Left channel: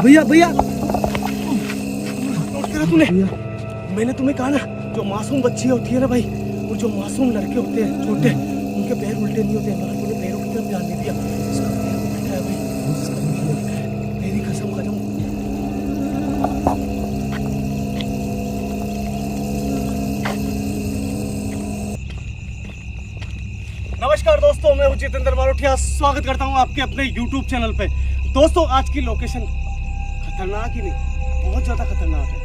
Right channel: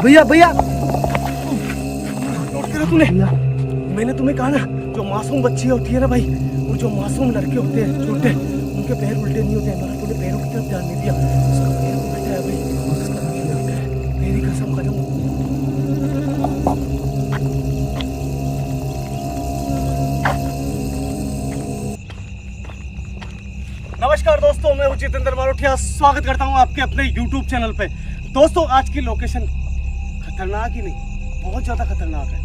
भैया भैया नोट करा तूने? मैंने तुम्हें कहा ना, जो मासूम बच्ची होती है ना भाई, और जो मासूम लड़के होते हैं छोटे, उनके पैर उल्टे नहीं होते हैं, मगर तूने पैरों की तरफ ध्यान नहीं दिया। उसका पैर को उल्टा है भाई, उसका पैर उल्टा है, मेरी कसम खत्म। नमस्कार दोस्तों, मैं जितेंद्र मारोठिया स्वागत करता हूं आपके अपने YouTube चैनल पे। दोस्तों, आज की लोकेशन खतरनाक ही नहीं, बहुत ज़्यादा खतरनाक है,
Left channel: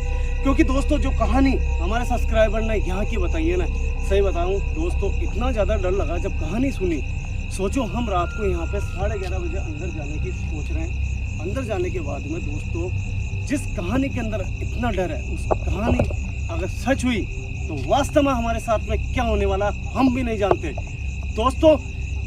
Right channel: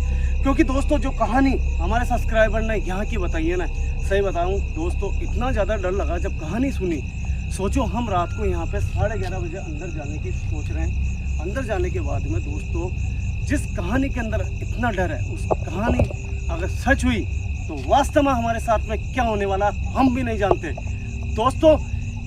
क्योंकि दोस्तों जो कहानी हमारे सब्सक्राइबर ने यहाँ की बताई है ना, सही बताऊं दोस्तों, इतना ज़्यादा डर लगा जब कहानी सुनी। सोचो, हम रात को यहाँ पे 11:30 बजे अंदर जाने की सोच रहे हैं। अंदर जाने के बाद में दोस्तों, जिस कहानी के अंदर इतना डर है, उस कहानी अगर सच हुई तो वास्तव में हमारे साथ में क्या होने वाला हम भी नहीं जानते। दोस्तों,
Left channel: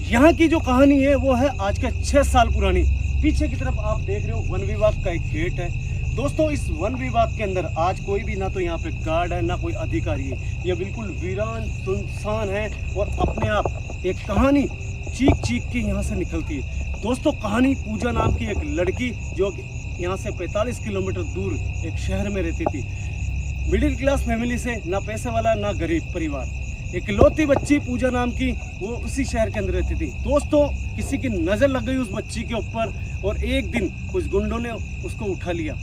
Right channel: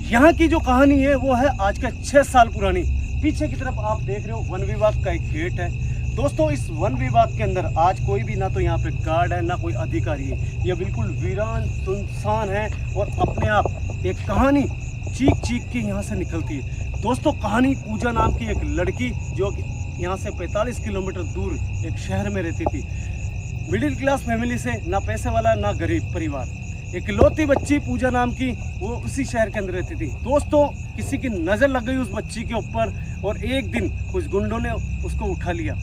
यहाँ की जो कहानी है वो है आज के 6 साल पुरानी। पीछे की तरफ आप देख रहे हो वन विभाग का एक गेट है। दोस्तों, इस वन विभाग के अंदर आज कोई भी ना तो यहाँ पे गार्ड है, ना कोई अधिकारी है। ये बिल्कुल वीरान सुनसान है और अपने आप एक कहानी चीख चीख के यहाँ से निकलती है। दोस्तों, कहानी पूजा नाम की एक लड़की, जो यहाँ से 45 किलोमीटर दूर एक शहर में रहती थी। मिडिल क्लास फैमिली से, ना पैसे वाला ना गरीब परिवार, एक लौती बच्ची पूजा नाम की, वो उसी शहर के अंदर रहती थी। दोस्तों, किसी की नज़र लग गई उस बच्ची के ऊपर और एक दिन कुछ गुंडों ने उसको उठा लिया।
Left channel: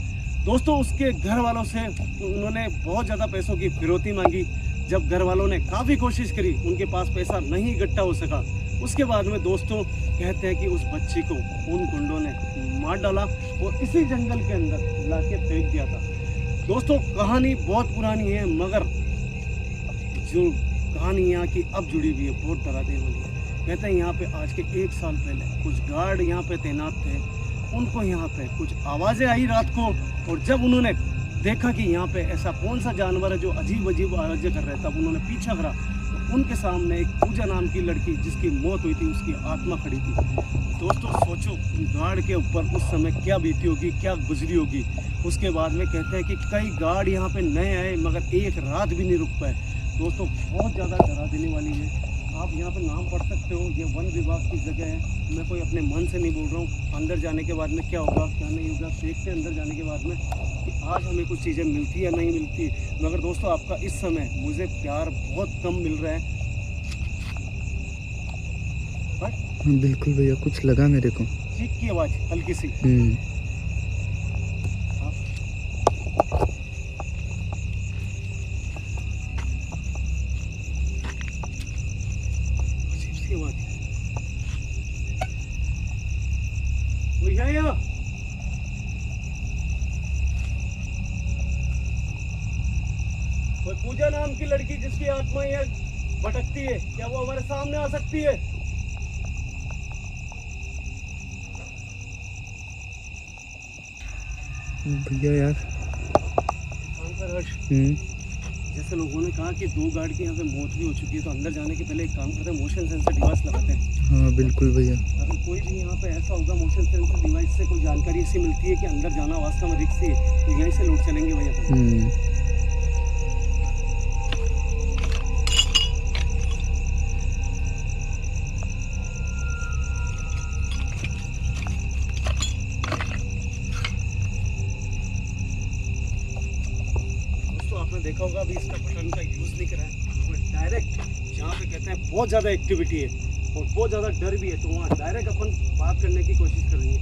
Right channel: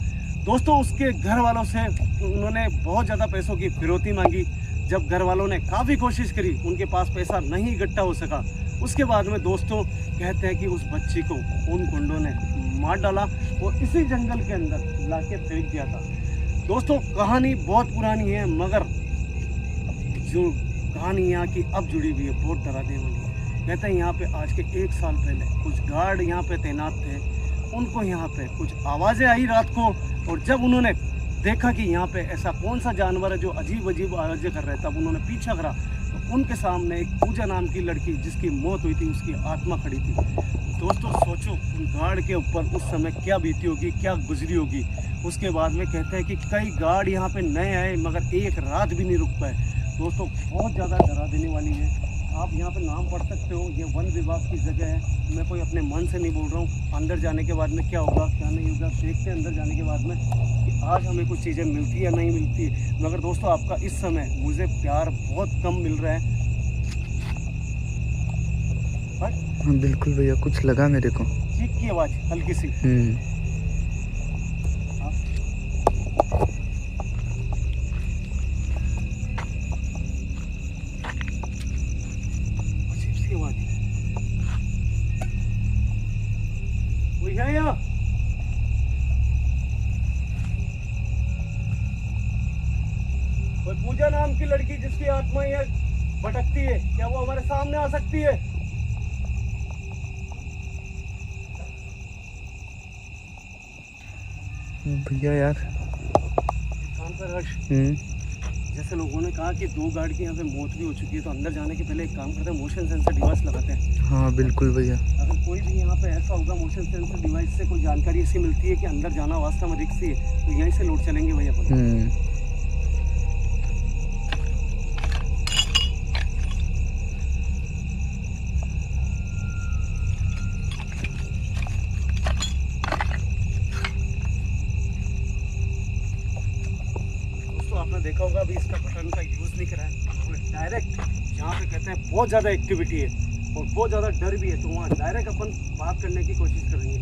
दोस्तों, उसके घर वालों से उन्होंने बहुत ज़्यादा पैसों की फिरौती मांगी। जब घर वालों ने काफ़ी कोशिश करी, उनके पास पैसा नहीं इकट्ठा हो सका। उसके बाद में दोस्तों कहते हैं कि उस बच्ची को उन गुंडों ने मार डाला और इसी जंगल के अंदर ला के फेंक दिया था। दोस्तों, कहानी बहुत पुरानी है, मगर जो कहानी यहाँ की अब जुड़ी हुई है बहुत डरा देने वाली है। कहते हैं यहाँ पे आज के 1 साल पहले कुछ गार्ड यहाँ पे तैनात थे। उनको यहाँ पे कुछ आवाज़ें आई रात को, और जब उन्होंने देखा कि यहाँ पे ऐसा कौन सा जानवर है जो अजीब अजीब आवाज़ें कर रहा है, तब उन्होंने पीछा करा तो उनके सामने एक पूजा नाम की लड़की, जिसकी मौत हुई थी, उसकी आत्मा खड़ी थी। दोस्तों, सोचो उन गार्ड के ऊपर उस समय क्या बीती होगी, क्या गुजरी होगी। उसके बाद में कहते हैं कि कई गार्ड यहाँ पे नए आए, मगर एक रात भी नहीं रुक पाए। दोस्तों, बहुत ज़्यादा डरा देने वाली है। आप यहाँ पे नाम पढ़ सकते हो, ये वन विभाग की जगह है। मैं कोई अपने मन से नहीं बोल रहा हूँ। अंदर जाने के बाद में क्या होगा क्या नहीं होगा देखते हैं अंदर जाने के बाद में कि आज हमें कुछ चीज़ें मिलती या नहीं मिलती। मगर दोस्तों, आपका इस समय मुझे प्यार बहुत कम मिल रहा है। हाँ बिल्कुल भैया, कुछ लगा मेरे को। चीख की आवाज़ हल्की सी। कोई है यहाँ? कोई पूजा नाम की लड़की जिसकी आत्मा ये भटकती है, क्या वो हमारे सामने आ सकती है? भैया यार कान पर हर्ष, जैसे लोगों ने कहा कि 2 गार्ड की यहाँ पे मौत भी हो चुकी है, तो अंदर जाने के पहले एक काम करते हैं, मोशन सेंसर डिवाइस लगाते हैं। हाँ बिल्कुल भैया। अगर कोई भी यहाँ पे ऐसा होगा, मोशन सेंसर डिवाइस से कोई जानकारी ऐसी मिलती है कि अंदर जाना वास्तव में रिस्क है, तो यहीं से लौट चलेंगे भैया अपन। आपने देखा होगा, अभी इसका बटन का यूज़ नहीं करा है, डायरेक्ट जहाँ पे कहते हैं बहुत ज़्यादा एक्टिविटी है और बहुत ज़्यादा डर भी है, तो वहाँ डायरेक्ट अपन बात करने की कोशिश करेंगे।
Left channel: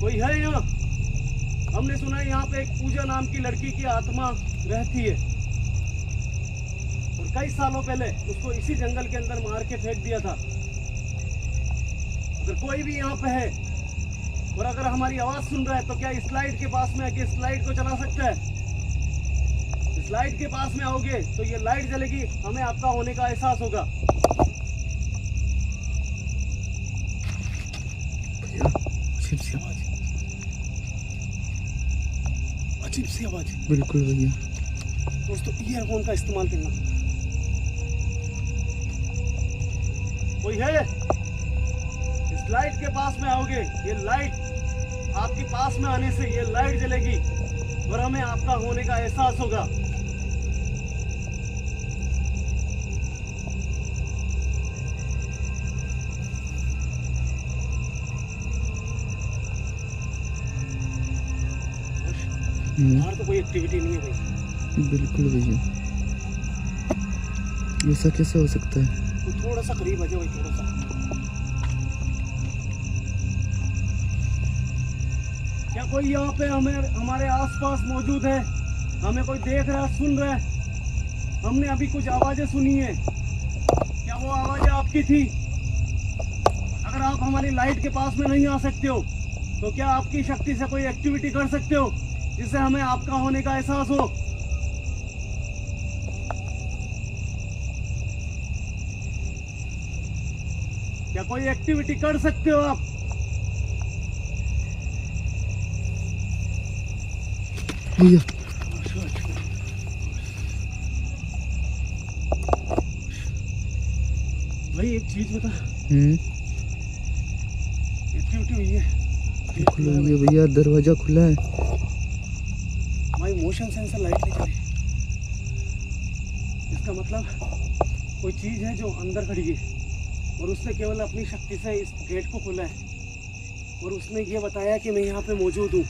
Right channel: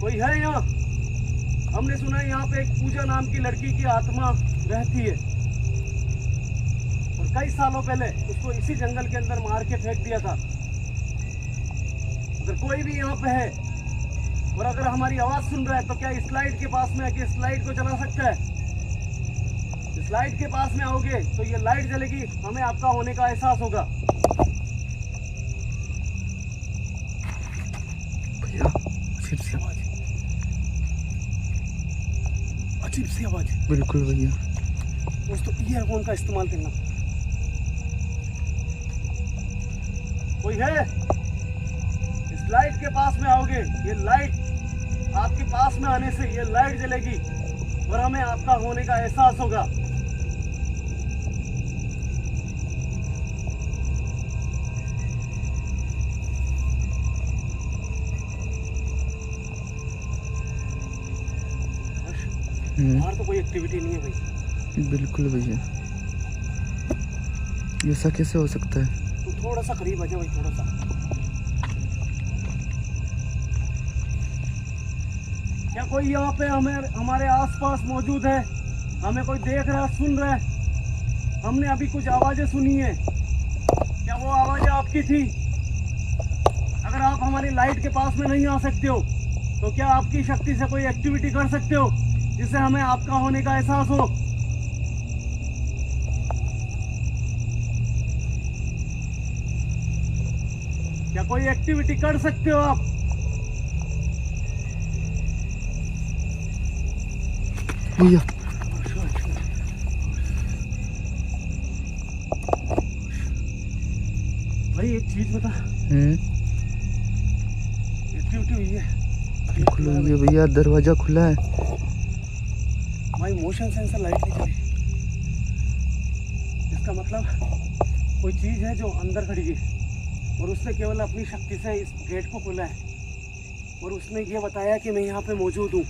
कोई है यहाँ? हमने सुना है यहाँ पे एक पूजा नाम की लड़की की आत्मा रहती है और कई सालों पहले उसको इसी जंगल के अंदर मार के फेंक दिया था। अगर कोई भी यहाँ पे है और अगर हमारी आवाज़ सुन रहा है, तो क्या इस लाइट के पास में आके इस लाइट को चला सकता है? इस लाइट के पास में आओगे तो ये लाइट जलेगी, हमें आपका होने का एहसास होगा। भैया अजीब सी आवाज, अजीब सी आवाज। बिल्कुल भैया। दोस्तों, ईयरफोन का इस्तेमाल करना। कोई है? इस लाइट के पास में आओगे, ये लाइट आपके पास में आने से ये लाइट जलेगी और हमें आपका होने का एहसास होगा। बाहर तो कोई एक्टिविटी नहीं है भाई। बिल्कुल भैया, ऐसा कैसे हो सकता है? तो थोड़ा सा करीब आ जाओ भाई, थोड़ा सा। क्या कोई यहाँ पे हमारे आसपास मौजूद है? हमें कोई देख रहा है, सुन रहा है? हमने अभी कुछ आवाजें सुनी है, क्या वो आवाजें आपकी थी? अगर आप हमारी लाइट के पास में नहीं आ सकते हो तो क्या आपकी शक्ति से कोई एक्टिविटी कर सकते हो जिससे हमें आपका होने का एहसास हो? क्या कोई एक्टिविटी कर सकते हो आप? भैया भाई एक चीज बता, एक्टिविटी हुई है? बिल्कुल हुई है भैया, दरवाजा खुला है। भाई मोशन सेंसर लाइट नहीं चली, इसका मतलब कोई चीज है जो अंदर खड़ी है और उसने केवल अपनी शक्ति से इस गेट को खोला है और उसने ये बताया कि मैं यहाँ पे मौजूद हूँ,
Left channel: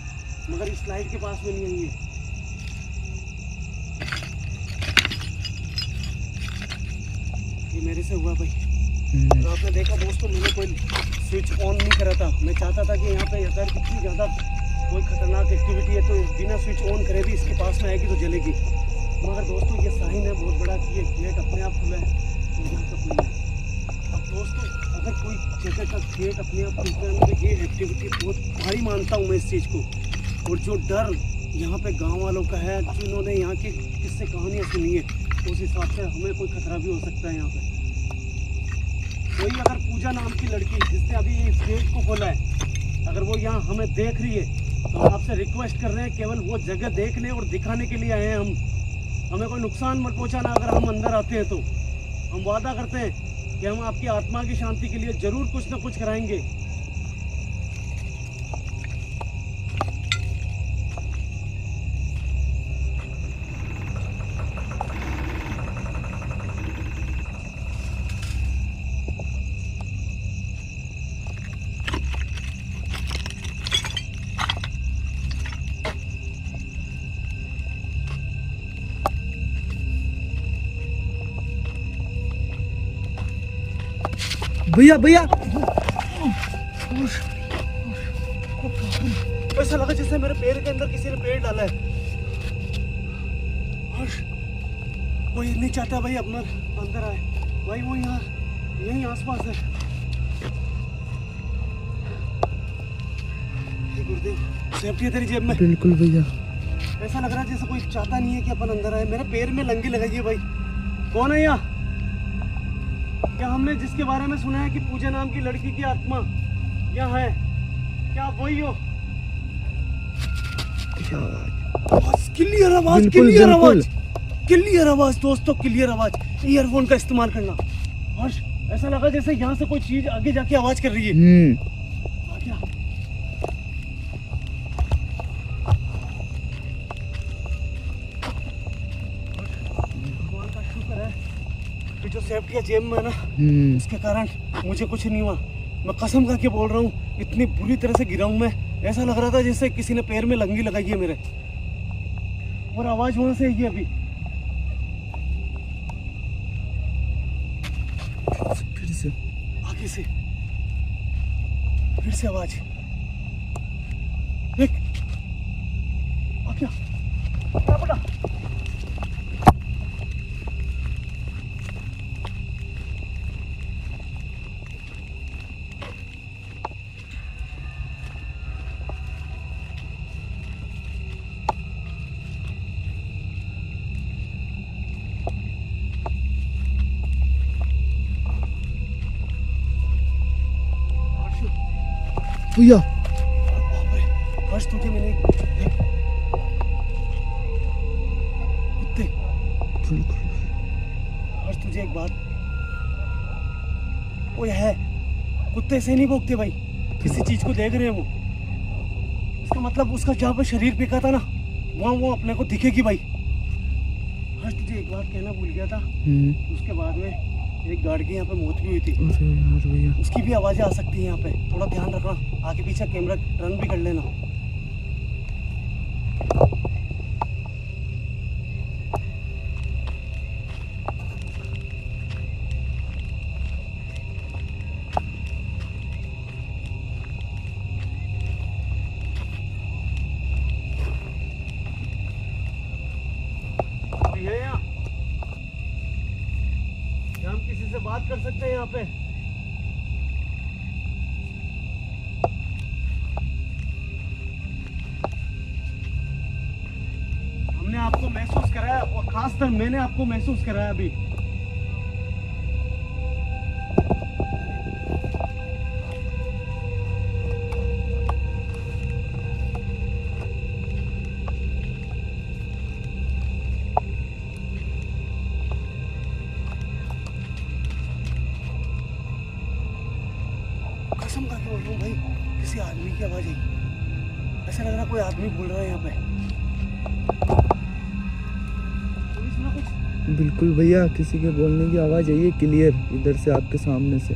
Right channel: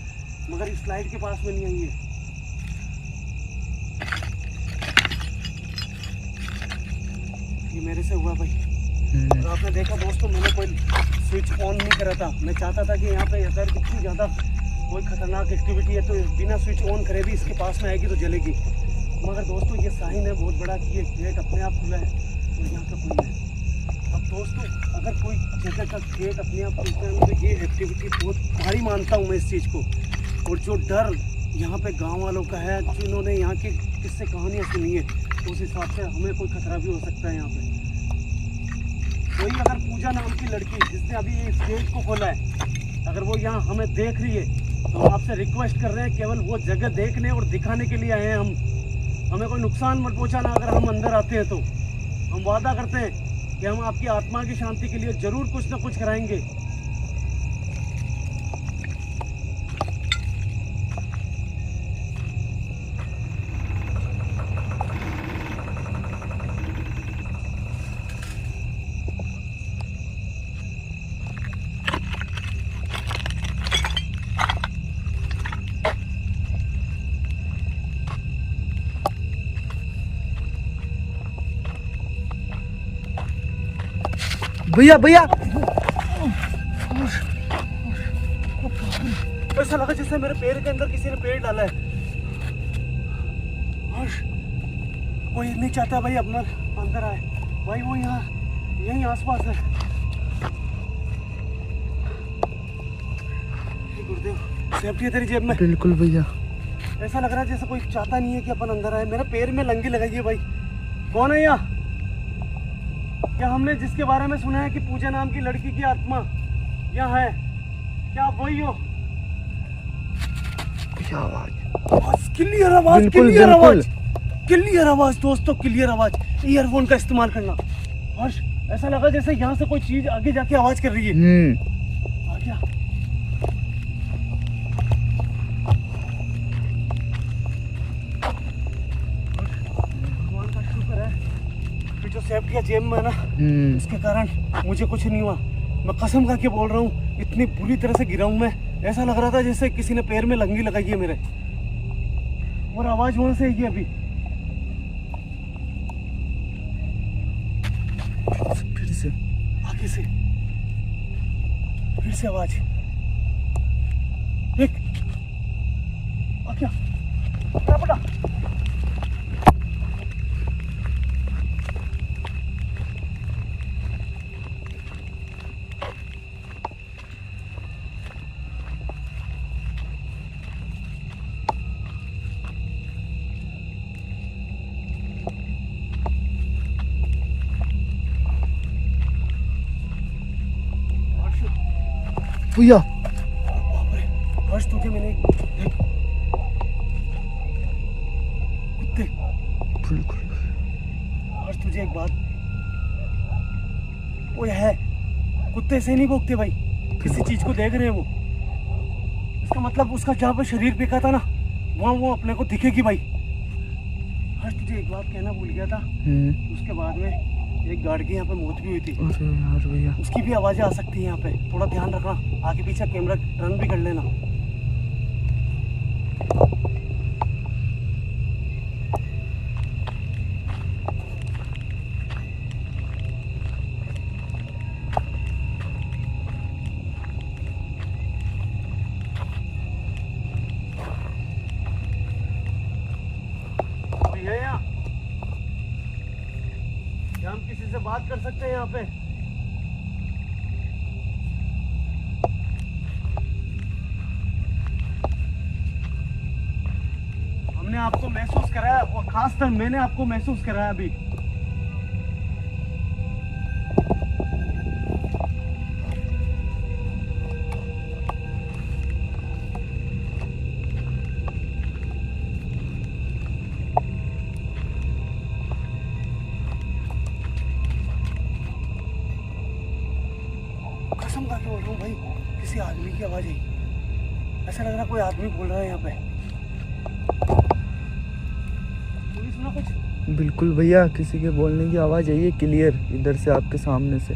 मगर इस लाइट के पास में नहीं आई है। ये मेरे से हुआ भाई। और आपने देखा दोस्तों, मैंने कोई स्विच ऑन नहीं करा था। मैं चाहता था कि यहाँ पे अगर इतनी ज़्यादा कोई खतरनाक एक्टिविटी है तो बिना स्विच ऑन करे भी इसके पास में आएगी तो जलेगी। मगर दोस्तों ये साइन है बहुत बड़ा कि ये गेट अपने आप खुला है और यहाँ का खुला है। अब दोस्तों अगर कोई जगह का गेट अपने आप खुलता है तो ये एक्टिविटी बहुत भारी मानता हूँ मैं इस चीज़ को। और जो डर यहाँ पे गाँव वालों का है, जिन्होंने यहाँ की किससे कहानियाँ सुनी है, उस हिसाब से हमें कोई खतरा भी हो सकता है। यहाँ पे कोई अगर पूजा नाम की लड़की जिसने अभी इस गेट को खोला है, अगर वो यहाँ हमें देख रही है तो हम आपसे रिक्वेस्ट कर रहे हैं, केवल वो जगह देखने और दिखाने के लिए आए हैं हम। हमें कोई नुकसान मत पहुँचाना अगर हम अंदर आते हैं तो। हम वादा करते हैं कि हम आपकी आत्मा की शांति के लिए जरूर कुछ ना कुछ कराएंगे। भैया भैया, ऐसा लगा जैसे मेरे पैर के अंदर किसी ने पेड़ डाला है। कोई नहीं चाहता भाई अपना अंदर आए भाई, वो यहाँ यहीं आसपास है। गुरुदेव, सेफ्टी है तेरी जेब में? बिल्कुल भैया। ऐसा लग रहा है जैसे कोई चाहता नहीं है कि अपन अंदर आए। मेरे पैर में लंगी लगाई है भाई। कौन है यहाँ? क्या हमने जिसके बारे में सुना है कि पूजा नाम की लड़की की आत्मा यहाँ है, क्या आप वही हो? क्या आवाज? क्लियर आवाज, क्लियर आवाज, क्लियर आवाज दोस्तों, क्लियर आवाज। ईयरफोन का इस्तेमाल करना। हर्ष, ऐसा लगा जैसे यहाँ से कोई चीज आगे जाके आवाज कर रही है। आ गया। भगवान का शुक्र है कि जो सेफ्टी जेब में है ना, इसके कारण मुझे कुछ नहीं हुआ। मैं कसम करके बोल रहा हूँ, इतनी बुरी तरह से गिरा हूँ मैं, ऐसा लग रहा था जैसे किसी ने पैर में लंगी लगाई है मेरे। और आवाज वहां से आई है अभी। फिर से आगे से फिर से आवाज। देख, आ क्या पड़ा? भैया, बाप रे, हर्ष तुझे मैंने देख कुत्ते। बिल्कुल। हर्ष तुझे एक बात, वो है कुत्ते से नहीं भौंकते भाई, किसी चीज को देख रहे हैं वो। इसका मतलब उसका जहाँ पे शरीर फेंका था ना, वहाँ वो अपने को दिखेगी भाई। हर्ष तुझे एक बात कहना भूल गया था, उसके बाद में एक गार्ड की यहाँ पे मौत भी हुई थी। अरे यार भैया, उसकी भी आवाजें आ सकती है यहाँ पे, थोड़ा ध्यान रखना। आगे पीछे कैमरा टर्न भी कर लेना। क्या हम किसी से बात कर सकते हैं यहाँ पे? हमने आपको महसूस कराया और खासकर मैंने आपको महसूस कराया अभी। कसम खा के बोल रहा हूँ भाई, किसी आदमी की आवाज आई। ऐसा लग रहा कोई आदमी बोल रहा है यहाँ पे। कोई सुना कुछ? बिल्कुल भैया, किसी के बोलने की आवाज आई है क्लियर इधर से, आपके सामने से।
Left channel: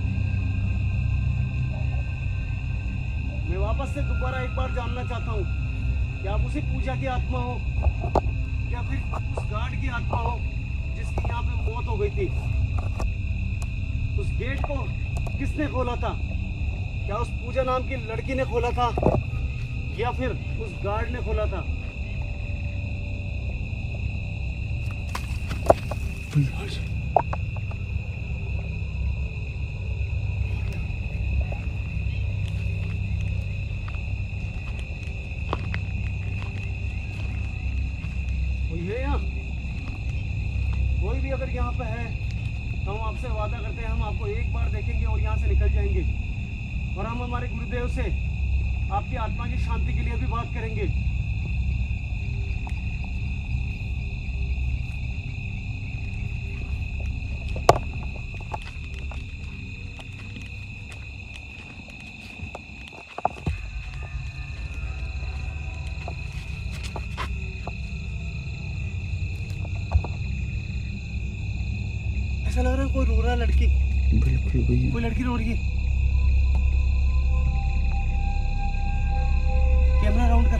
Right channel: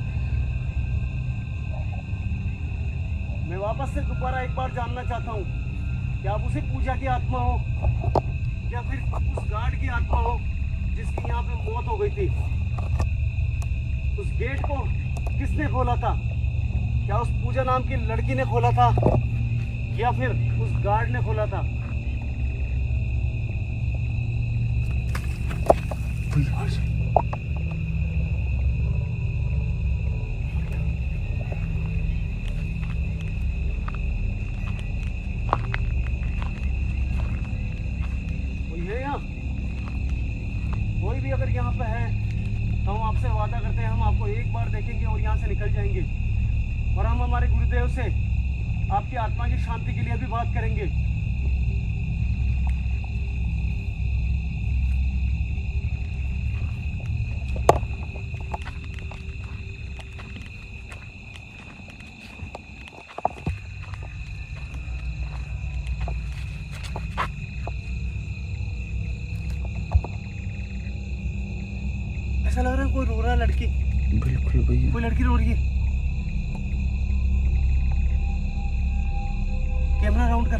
मैं वापस से दोबारा एक बार जानना चाहता हूँ कि आप उसी पूजा की आत्मा हो या फिर उस गार्ड की आत्मा हो जिसकी यहाँ पे मौत हो गई थी। उस गेट को किसने खोला था? क्या उस पूजा नाम की लड़की ने खोला था या फिर उस गार्ड ने खोला था? कोई है यहाँ? कोई भी अगर यहाँ पे है तो हम आपसे वादा करते हैं, हम आपको एक बार देखेंगे और यहाँ से निकल जाएंगे। और हम हमारे गुरुदेव से आपकी आत्मा की शांति के लिए भी बात करेंगे। ऐसा लग रहा है कोई रो रहा है, लड़की। बिल्कुल भैया, कोई लड़की रो रही है। कैमरा राउंड कर।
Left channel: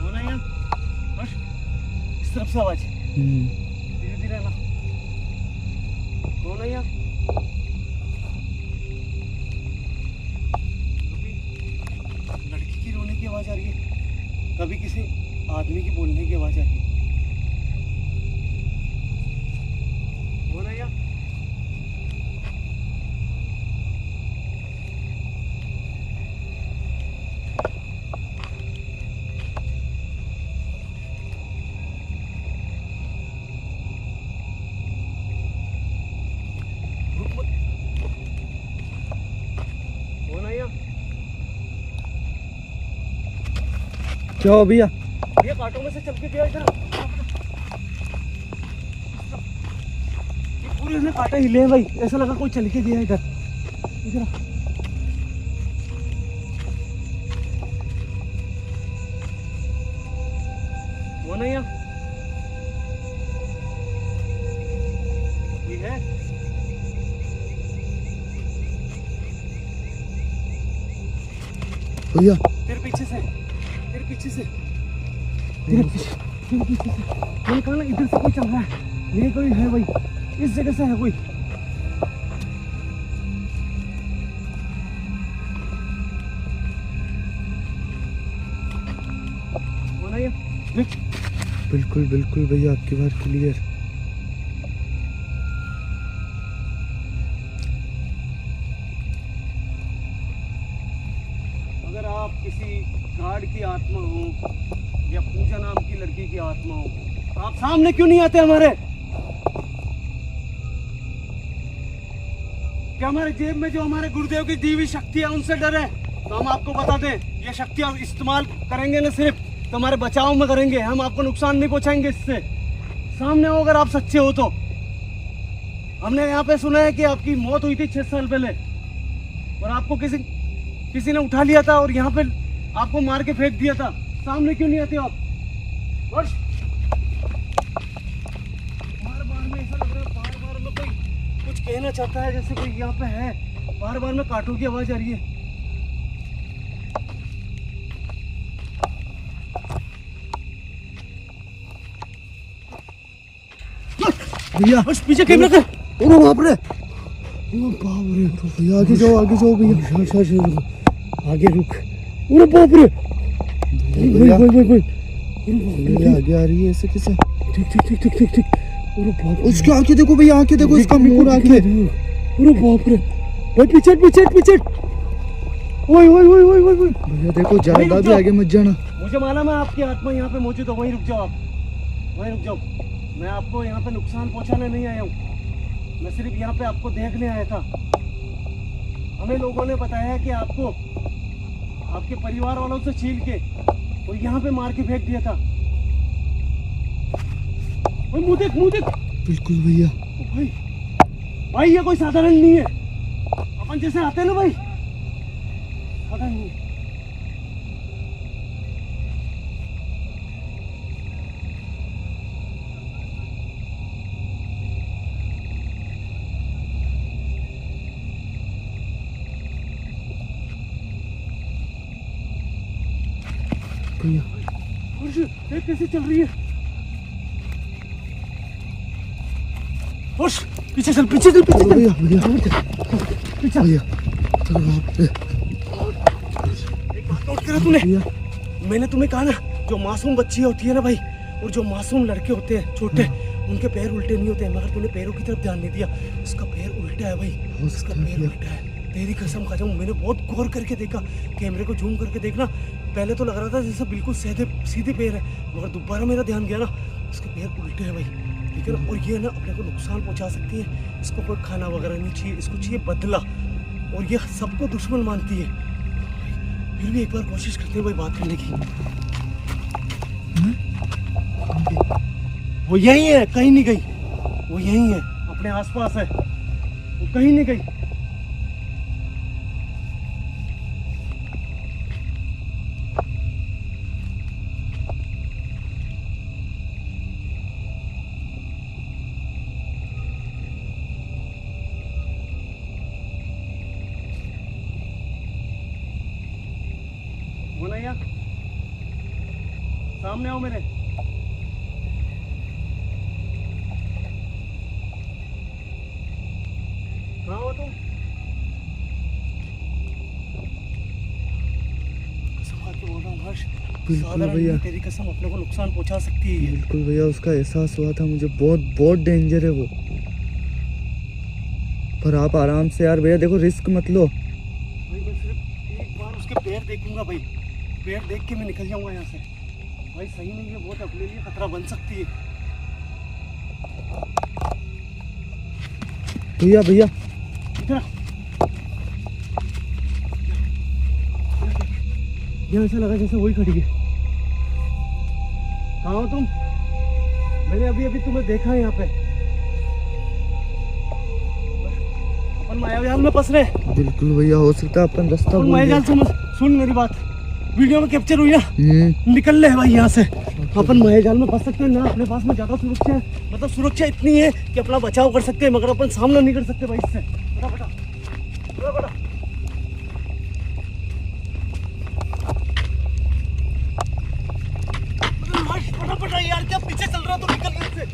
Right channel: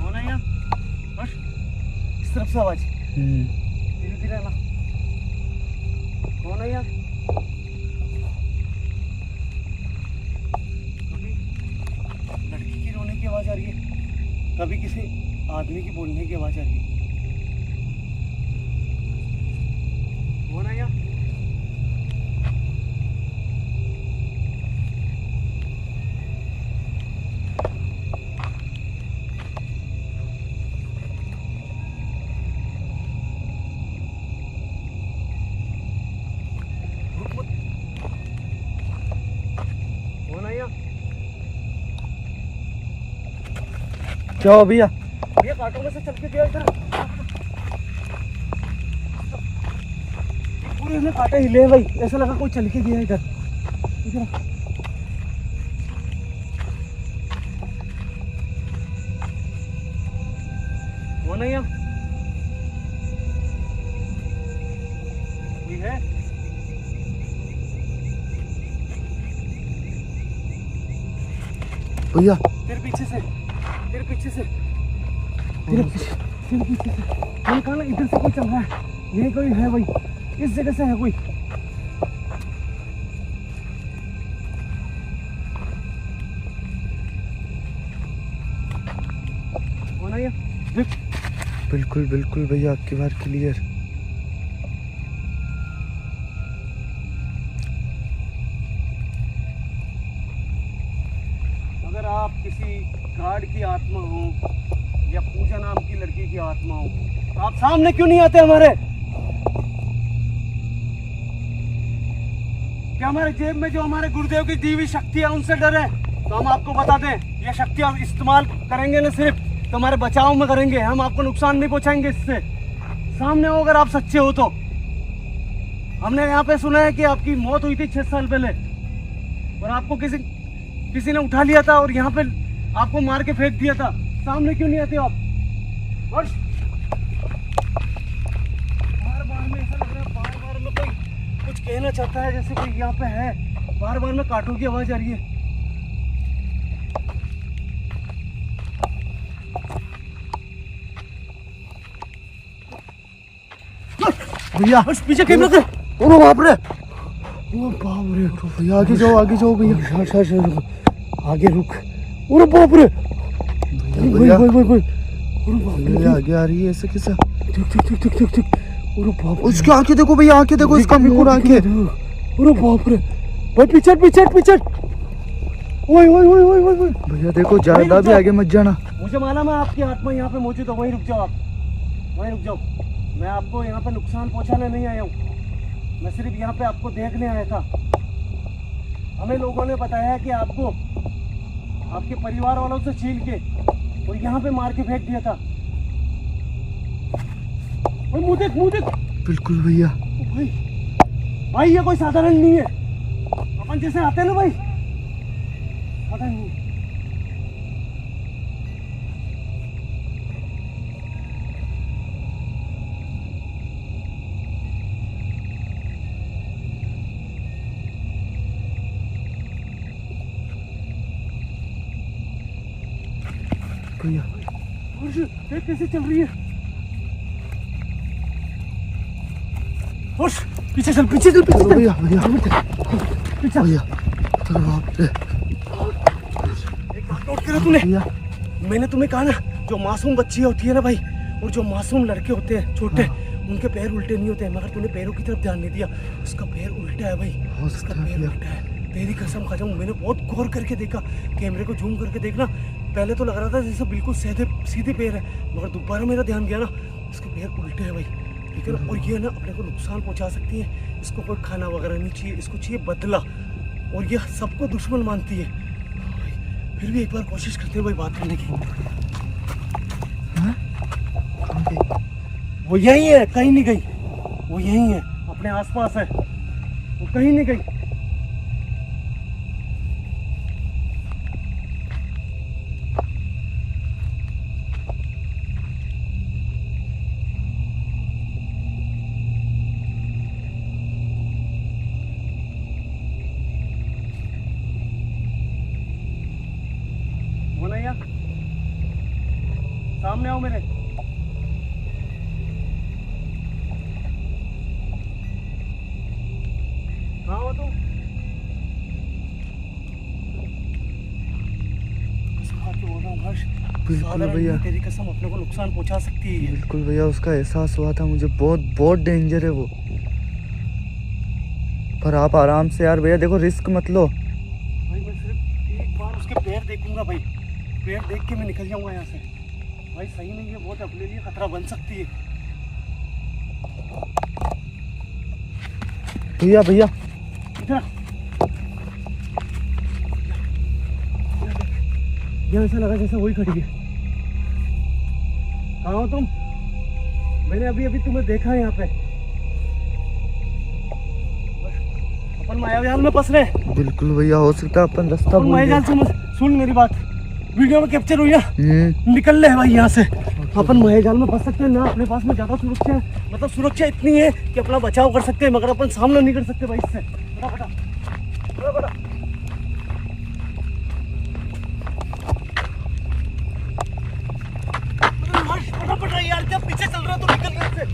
कौन है यहाँ? बस इस तरफ से आवाज। धीरे धीरे आना। कौन है यहाँ? कभी लड़की की रोने की आवाज आ रही है, कभी किसी आदमी की बोलने की आवाज आ रही है। कौन है यहाँ? रुक मत। कौन है यहाँ? क्या हो भैया? ये कांटों में से चल के गया इधर। पूरे उसने कांटे हिले हैं भाई, ऐसा लगा कोई चल के गया इधर। इधर वो नहीं है, ये है। भैया तेरे पीछे से, तेरे पीछे से, तेरे पीछे से। मैंने कहा ना इधर से कोई चल रहा है, ये कोई है भाई, इस जगह से है कोई। वो नहीं है। बिल्कुल बिल्कुल भैया, आपकी बार क्लियर। अगर आप किसी गार्ड की आत्मा हो या पूजा नाम की लड़की की आत्मा हो तो आप सामने क्यों नहीं आते हमारे? क्या हमारे जेब में जो हमारे गुरुदेव की दी हुई शक्ति है उनसे डर है? तो हम आपको बता दें, ये शक्तियां इस्तेमाल करेंगे ना सिर्फ तो हमारे बचाव में करेंगे, हम आपको नुकसान नहीं पहुंचाएंगे इससे। सामने हो अगर आप सच्चे हो तो। हमने यहाँ पे सुना है कि आपकी मौत हुई थी 6 साल पहले और आपको किसी ने उठा लिया था और यहाँ पे आपको मार के फेंक दिया था। सामने क्यों नहीं आते आप? बार बार में ऐसा लग रहा है, बार बार में कोई कुछ कहना चाहता है, जैसे कोई यहाँ पे है। बार बार में कांटों की आवाज आ रही है। भैया पीछे कैमरे के। ओ बाप रे, ओ बाप रे भैया, आगे जाओ भैया। आगे रुक। अरे बाप रे, भैया अरे बाप रे, ये आगे आ रही है ऐसे कैसे? ठीक। अरे बाप रे, उसकी आंखें देखो भैया, आंखें देखो, इसका मुंह आंखें। अरे बाप रे भाई, पीछे। ओए भैया देखो, ज्यादा भी आगे मत जाना। मुझे मालूम है आपकी आत्मा यहाँ पे मौजूद है, वहीं रुक जाओ आप, वहीं रुक जाओ। मैं आपको यहाँ पे नुकसान पहुँचाने नहीं आया हूँ, मैं सिर्फ यहाँ पे आपको देखने आया था। हमें लोगों ने बताया कि आपको आपके परिवार वालों से छीन के और यहाँ पे मार के फेंक दिया था। ओए, मुँह देख। बिल्कुल भैया। भाई ये कोई साधारण नहीं है, अपन जैसे आते हैं ना भाई, साधारण नहीं है। भैया देख कैसे चल रही है। पीछे चल भैया पीछे। भैया चलो बाप रे। एक बात नोट करा तूने, भैया मैंने तुम्हें कहा ना, जो मासूम बच्चियां होती है ना भाई, और जो मासूम लड़के होते हैं छोटे, उनके पैर उल्टे नहीं होते हैं, मगर तूने पैरों की तरफ ध्यान नहीं दिया। उसका पैर उल्टा है भाई, हो उसका सकता है पैर भैया। उल्टा है। तेरी कसम खा जाऊं, मैंने बहुत गौर करके देखा, कैमरे को जूम करके देखना, पहले तो लग रहा था जैसे बिल्कुल सीधे पैर है, मगर दोबारा मेरा ध्यान गया ना, इसके पैर उल्टे हैं भाई, ठीक है ना। और ये ना अपने को नुकसान पहुंचा सकती है, इसको कोई खाना वगैरह नहीं चाहिए, इसको चाहिए बदला, और ये सबको दुश्मन मानती है भाई। फिर भी एक बार कोशिश करते हैं भाई बात करने की। कहाँ गई? वो यहीं है, कहीं नहीं गई, वो यहीं है, अपने आसपास है, वो कहीं नहीं गई। बोला यार, सामने आओ मेरे। कहाँ हो तुम? कसम खा के बोल रहा हूँ हर्ष, बिल्कुल साधारण भैया। नहीं, तेरी कसम अपने को नुकसान पहुंचा सकती है ये। बिल्कुल भैया, उसका एहसास हुआ था मुझे, बहुत डेंजर है वो। पर आप आराम से यार भैया, देखो रिस्क मत लो। भाई मैं सिर्फ एक बार उसके पैर देखूंगा भाई, पैर देख के मैं निकल जाऊंगा यहाँ से। भाई सही नहीं है, बहुत अपने लिए खतरा बन सकती है। भैया इधर आ। यहाँ ऐसा लगा जैसे वही खड़ी है। कहाँ हो तुम? मैंने अभी तुम्हें देखा है यहाँ पे। अपन मायाजाल में फंस रहे हैं। बिल्कुल भैया, हो सकता है अपन रास्ता अपन भूल मायाजाल गए। सुन मेरी बात, वीडियो में कैप्चर हुई ना, निकल ले भाई यहाँ से। अपन मायाजाल में फंस सकते हैं ना, अपने पास में ज्यादा सुरक्षा है, मतलब सुरक्षा इतनी है कि अपना बचाव कर सकते हैं, मगर अपन सामना नहीं कर सकते भाई इससे। फटाफट यार, क्या पीछे चल रहा, तो निकल यहाँ से।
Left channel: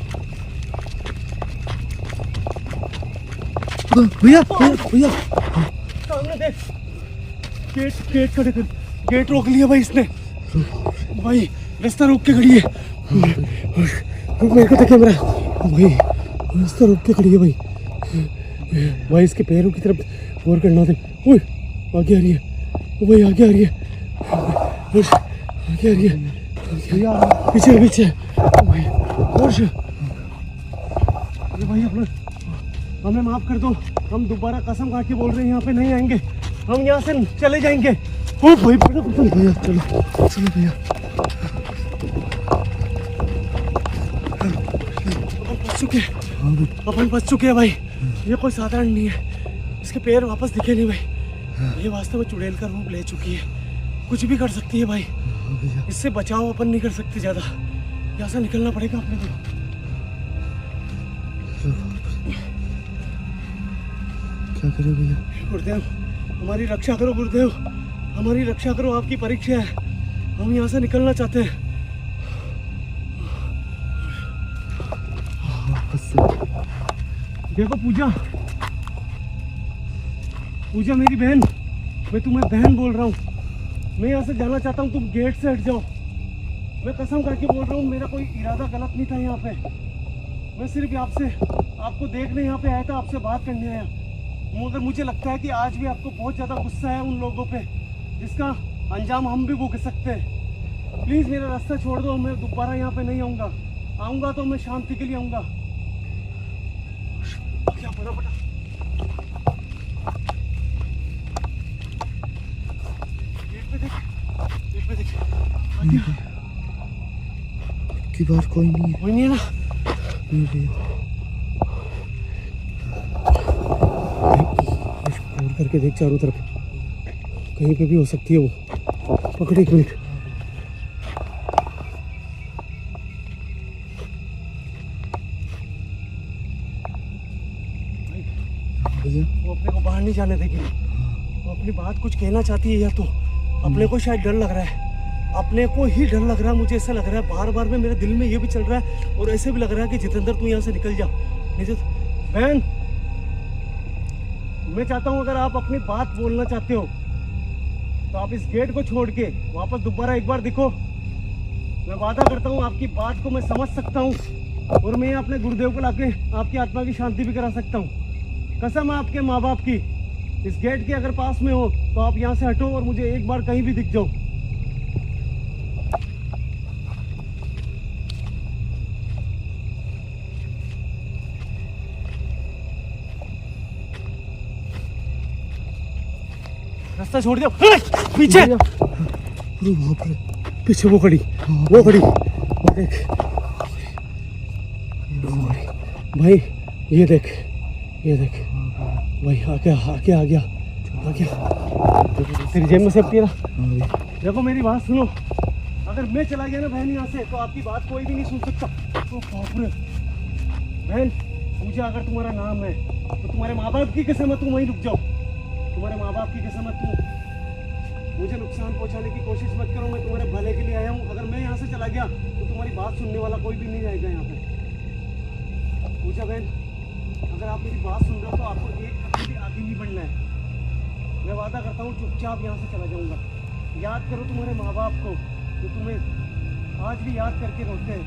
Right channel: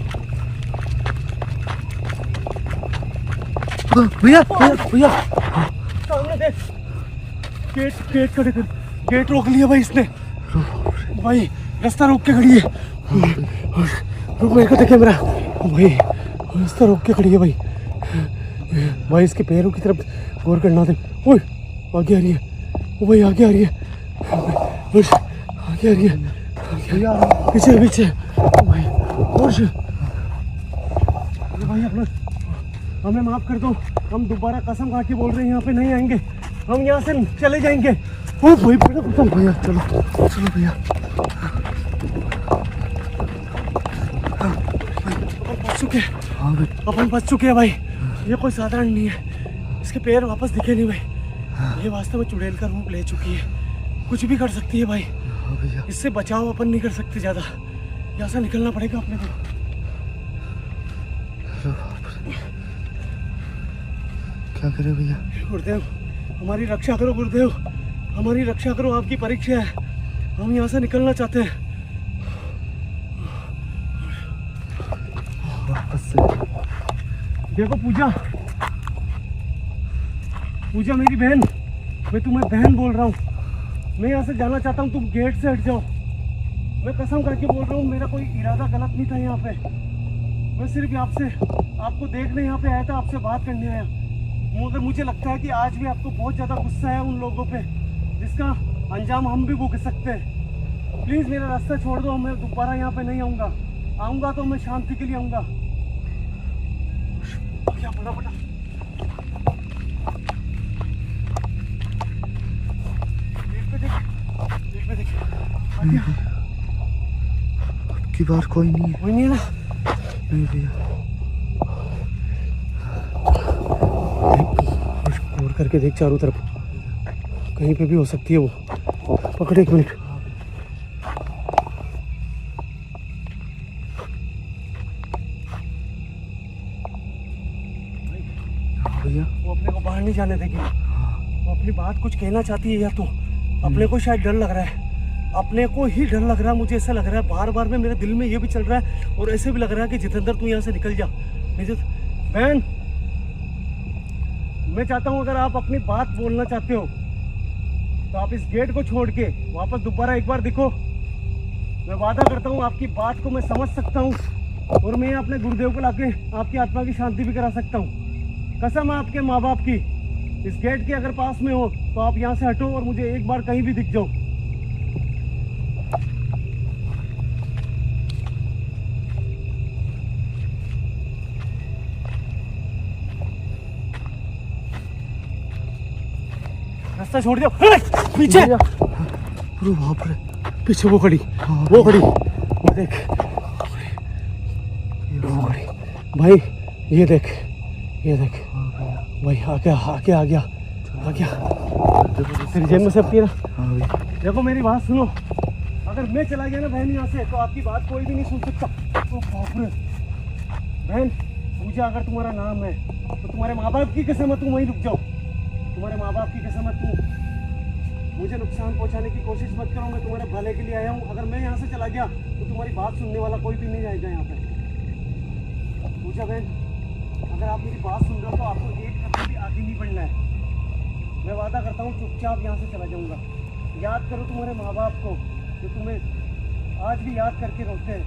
भैया सामने देख, गेट खड़े कर, गेट रोक लिया भाई इसने। भाई रास्ता रोक के खड़ी है। रुक, मेरे को तो कैमरा। भाई रास्ता रोक के खड़ी है भाई। भाई इसके पैरों की तरफ गौर करना दे। ओए आगे आ रही है, ओ भाई आगे आ रही है, आगे आ रही है, भैया पीछे भाई। होश, भाई अपना हमें माफ कर दो, हम दोबारा कसम खा के बोल रहे हैं यहाँ पे नहीं आएंगे, हम यहाँ से चले जाएंगे। ओ भाई भैया चलो भैया। अपन फंस चुके हैं भाई। ये कोई साधारण नहीं है, इसके पैर वापस दिखे नहीं भाई, ये वास्तव में चुड़ैल का रूप ले चुकी है, कुछ भी कर सकती है भाई। इससे बचाव अपन नहीं कर सकते ज्यादा, यहाँ से निकलना पड़ेगा अपने को। क्या करे भैया? गुरुदेव हमारी रक्षा करो, गुरुदेव हमारी रक्षा करो, आपकी परीक्षा है, हम यहाँ से निकलना चाहते हैं। देखो पूजा मेरी बहन, मैं तुम्हें बहन बोल रहा हूँ, मैं यहाँ से जाना चाहता हूँ, तुम गेट से हट जाओ। मैं कसम करके बोल रहा हूँ, मेरा कोई इरादा गलत नहीं था यहाँ पे। मैं सिर्फ आपसे आपको देखने यहाँ पे आया था, आपसे बात करने आया। मगर मुझे लगता है कि आज भी आपको बहुत ज़्यादा गुस्सा है उन लोगों पे, जिसका अंजाम हम भी भुगत सकते हैं। प्लीज़ मेरा रास्ता छोड़ दो, मैं दोबारा यहाँ पे नहीं आऊँगा। आऊँगा तो मैं शांति के लिए आऊँगा। क्या फटाफट गेट पे देख आ गया। की बार कोई नहीं है। कोई नहीं है ना? नहीं भैया, और करके देख चारों तरफ, कहीं पे भी हो सकती है वो। पकड़, एक मिनट। भैया वो अपने को बाहर नहीं जाने देगी। वो अपनी बात कुछ कहना चाहती है, या तो अपने को शायद डर लग रहा है। अपने को ही डर लग रहा है, मुझे ऐसा लग रहा है। बार बार में मेरे दिल में ये भी चल रहा है और ऐसे भी लग रहा है कि जितेंद्र तू यहाँ से निकल जा। बहन, मैं चाहता हूँ अगर आप अपनी बात बोलना चाहते हो तो आप इस गेट को छोड़ के वापस दोबारा एक बार दिखो। मैं वादा करता हूँ आपकी बात को मैं समझ सकता हूँ और मैं अपने गुरुदेव को लाके आपकी आत्मा की शांति भी करा सकता हूँ। कसम है आपके माँ बाप की, इस गेट के अगर पास में हो तो आप यहाँ से हटो और मुझे एक बार कहीं भी दिख जाओ। रास्ता छोड़ दिया। पीछे, अरे बाप रे, पीछे वो खड़ी, वो खड़ी, वो देख, वो खड़ी। भाई ये देख, ये देख भाई, आ गया, आ गया, आ गया, आ गया। तेरी जेब में सेफ्टी है ना? देखो मेरी बात सुनो, अगर मैं चला गया ना बहन यहाँ से तो आपकी बात कोई भी नहीं सुन सकता। तो बाप रे बहन, पूजा अगर तुम्हारा नाम है तो तुम्हारे माँ बाप की कसम है तुम वहीं रुक जाओ। तुम्हारे माँ बाप की कसम है, तुम मुझे नुकसान पहुंचाने की कोशिश मत करो। मैं तुम्हारे भले के लिए आया हूँ। अगर मैं यहाँ से चला गया तो तुम्हारी बात सुनने वाला कोई भी नहीं रहेगा यहाँ पे। पूजा बहन, अगर आप मेरी बात सुन रहे हो तो आपको एक कदम भी आगे नहीं बढ़ना है। मैं वादा करता हूँ चुपचाप यहाँ से चला जाऊँगा। याद करो तुम्हारे माँ बाप को जो तुम्हें आज भी याद करके रोते हैं।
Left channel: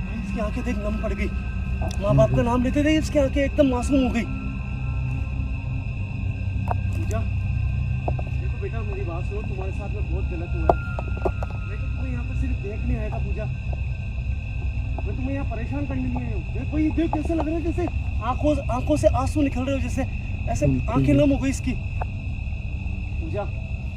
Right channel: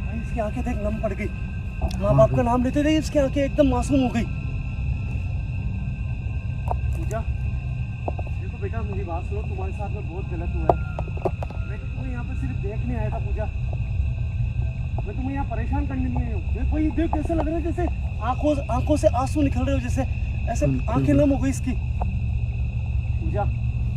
भाई इसकी आंखें देख नम पड़ गई। माँ बाप का नाम लेते थे, इसकी आंखें एकदम मासूम हो गई। पूजा देखो बेटा, मेरी बात सुनो, तुम्हारे साथ में बहुत गलत हुआ है। मैं तो तुम्हें यहाँ पर सिर्फ देखने आया था पूजा, मैं तुम्हें यहाँ परेशान करने नहीं आया हूँ। देखो ये देख कैसे लग रहा है, जैसे आंखों से आंसू निकल रहे हो, जैसे ऐसे आंखें नम हो गई इसकी। पूजा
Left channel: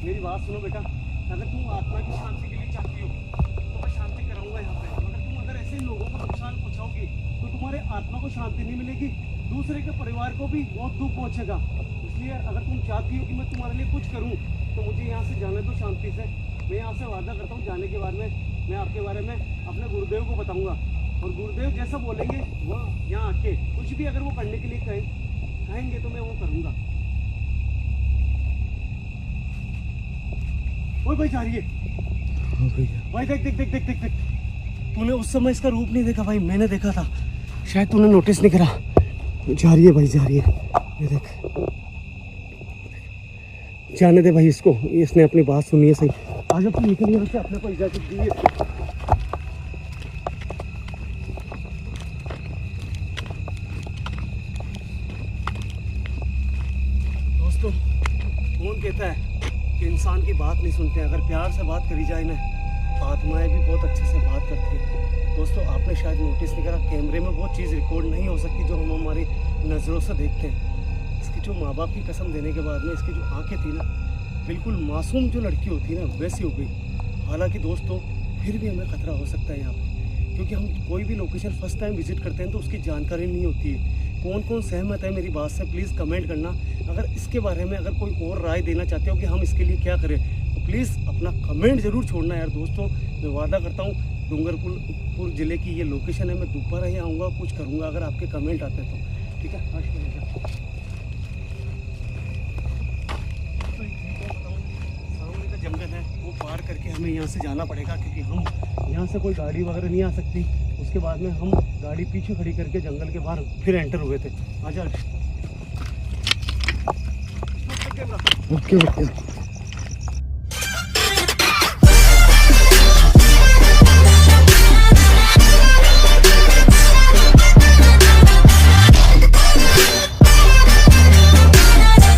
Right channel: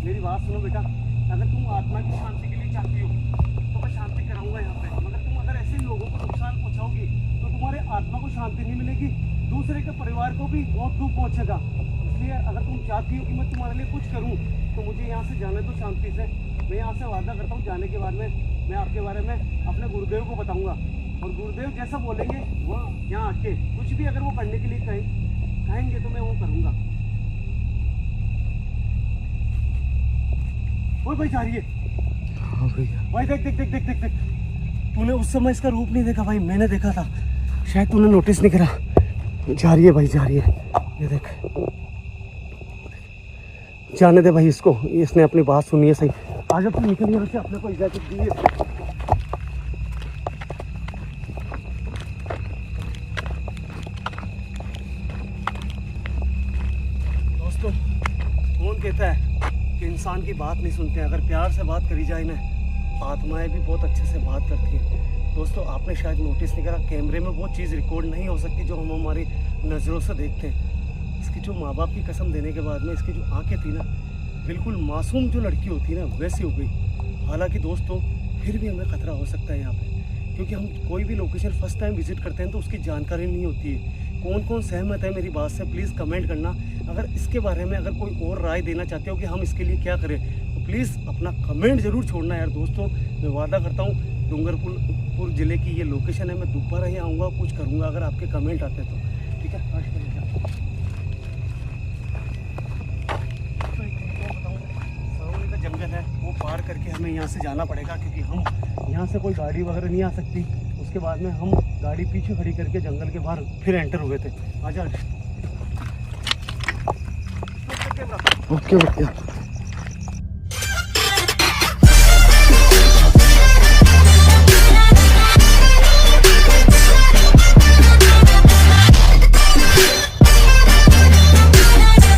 मेरी बात सुनो बेटा, अगर तुम आत्मा की शांति के लिए चाहती हो तो मैं शांति कराऊंगा यहाँ पे। मगर तुम अगर ऐसे लोगों को नुकसान पहुँचाओगी तो तुम्हारे आत्मा को शांति नहीं मिलेगी, दूसरे के परिवार को भी बहुत दुख पहुँचेगा। इसलिए अगर तुम चाहती हो कि मैं तुम्हारे लिए कुछ करूँ तो मुझे यहाँ से जाने दो शांति से। मैं यहाँ से वादा करता हूँ, जाने के बाद में मैं आपके बारे में अपने गुरुदेव को बताऊँगा और गुरुदेव जैसा बोलेंगे वो यहाँ आके कुछ भी अगर वो करने के लिए कहेंगे तो मैं वो करूँगा। ओए भाई जा रही है। हाँ भैया। भाई देख देख देख देख देख देख, तूने उस समय इसका रूप नहीं देखा भाई, मैंने देखा था, शायद तूने नोटिस नहीं करा। जा रही है भाई, जा रही है, ये देख। जाने दे भाई इसको, इसने अपनी बात सुनी है सही। आज अब तू निकल यहाँ से, अपने को इजाजत दी है। दोस्तों, कौन कहता है कि इंसान की बात नहीं सुनते हैं? अगर प्यार से बात करी जाए ना, आत्माएं भी बहुत अच्छे से बात करती है। दोस्तों आपने शायद नोटिस नहीं करा, कैमरे में वो चीज़ रिकॉर्ड नहीं हो सकती जो हम हमारी नज़रों से देखते हैं। इसकी जो माँ बाप की कसम देने के बाद में इसकी जो आंखें थी ना, बिल्कुल मासूम जो लड़की होती है ना वैसी हो गई। हालांकि दोस्तों फिर भी हमें खतरा हो सकता है यहाँ पे, क्योंकि हम कोई भी लोकेशन फर्स्ट टाइम विजिट करते हैं तो उसकी जानकारी नहीं होती है। कौन कौन सहमत है मेरी बात से प्लीज़ कमेंट करना। अगर इसके बारे में अगर कोई और राय देना चाहते हो कि हम इसके लिए क्या करें तो प्लीज़ अपना कमेंट ज़रूर छोड़ना यार। दोस्तों मैं वादा करता हूँ डूंगरपुर ज़िले की ये लोकेशन है, मैं दोबारा ही आऊँगा, कुछ करूँगा अगर आपके कमेंट आते तो। ठीक है, सामने का जंगल है वो पार करके हमें यहाँ से जाना पड़ेगा, क्योंकि हम यहाँ से कोई गाड़ी वगैरह नहीं आ सकती। उसके बाद में हम गाड़ी पीछे खड़ी करके जंगल के बाहर फिर एंटर हुए थे। आजा। Okay okay.